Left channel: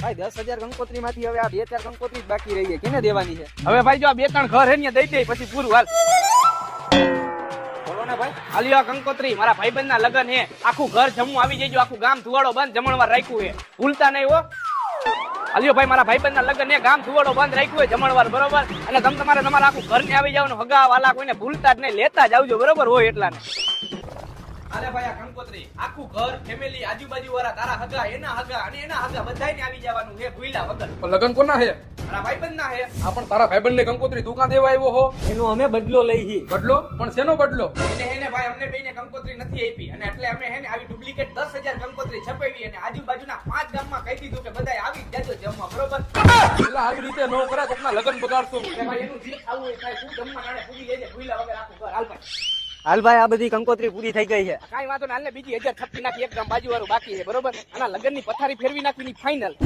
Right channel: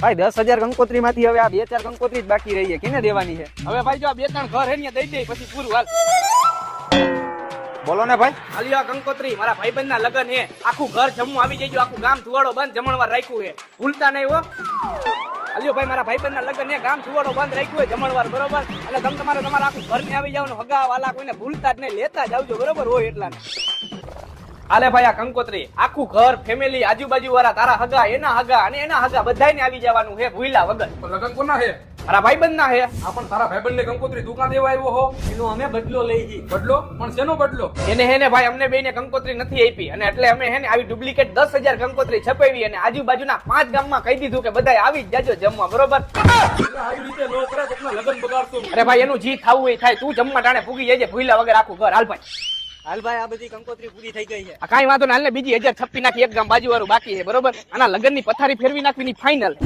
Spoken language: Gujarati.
ભાઈ 10,000 કંકોત્રી માંથી હવે આ 2-4 કંકોત્રી જ બાકી રહી છે, કેને દેવાની છે? હવે ભાઈ જો આ 2-3 ઘર હે ને દઈ દે પછી પૂરું હાલ. બોલો ને ભાઈ. આલ્યો આ કંકોત્રી મારા ભાઈબંધના લગન હે. આખું ઘર જમવું આવી જજો, આખું ગામ સુવાડો બંધ જમણવાર રાખ્યું હે, ભૂલતા નહીં હો. આલ્યો ભાઈ મારા ભાઈબંધના લગન હે, ગામ સુવાડો બંધ રાખ્યું હે જમણવાર, બરોબર? અને તમે તમારા આખું ઘર ને આવી જવાનું, હગા વાલા કોઈને ભૂલતા જ નહીં, લેતા જ આવજો, બરોબર હોય એટલા. હાલે ભાઈ આ કંકોત્રી આખું ઘર ફેમિલી આજુબાજુ વાળા તારા હગા એના હગા અને એના હગા બધાયને આવી જવાનું હે ભૂલ્યા વગર. લગન કોના હે? મારા ભાઈબંધના હે. આ પણ તારા ભાઈબંધને કંકોત્રી દુકાન દેવા આવ્યો હો? એનો અમે બદલો લઈ જી. બદલો? પણ શેનો બદલો? એને હેને ભાઈ અમને બેને કંકોત્રી નથી આપી અને એટલે અમે હેને આવી ડુપ્લિકેટ 10,000 કંકોત્રી છપાવી અને આજુબાજુના 5 ગામમાં કહી દીધું કે બધાય આવી જ જાજો જમવા, બરોબર? આવી રીતે ન કરા તો લગન બગાડશો. અરે ભાઈ એનું જી ખાવું એ થાય, તું જમવા ટાણે ભૂગી જજે ભૂલ્યા વગર આખું ઘર. હાલ ભાઈ હાલ ભાઈ, આ બધી કંકોત્રી પૂરી થઈ ગઈ છે. કાંઈ વાંધો ના, હાલ ને બીજી 1,000 છપ્પી નાખી, એક ગામ બાજુ વાળું બાકી છે, બરોબર? આના લગનની પથારી ફેરવી નાખવી ફાઇનલ.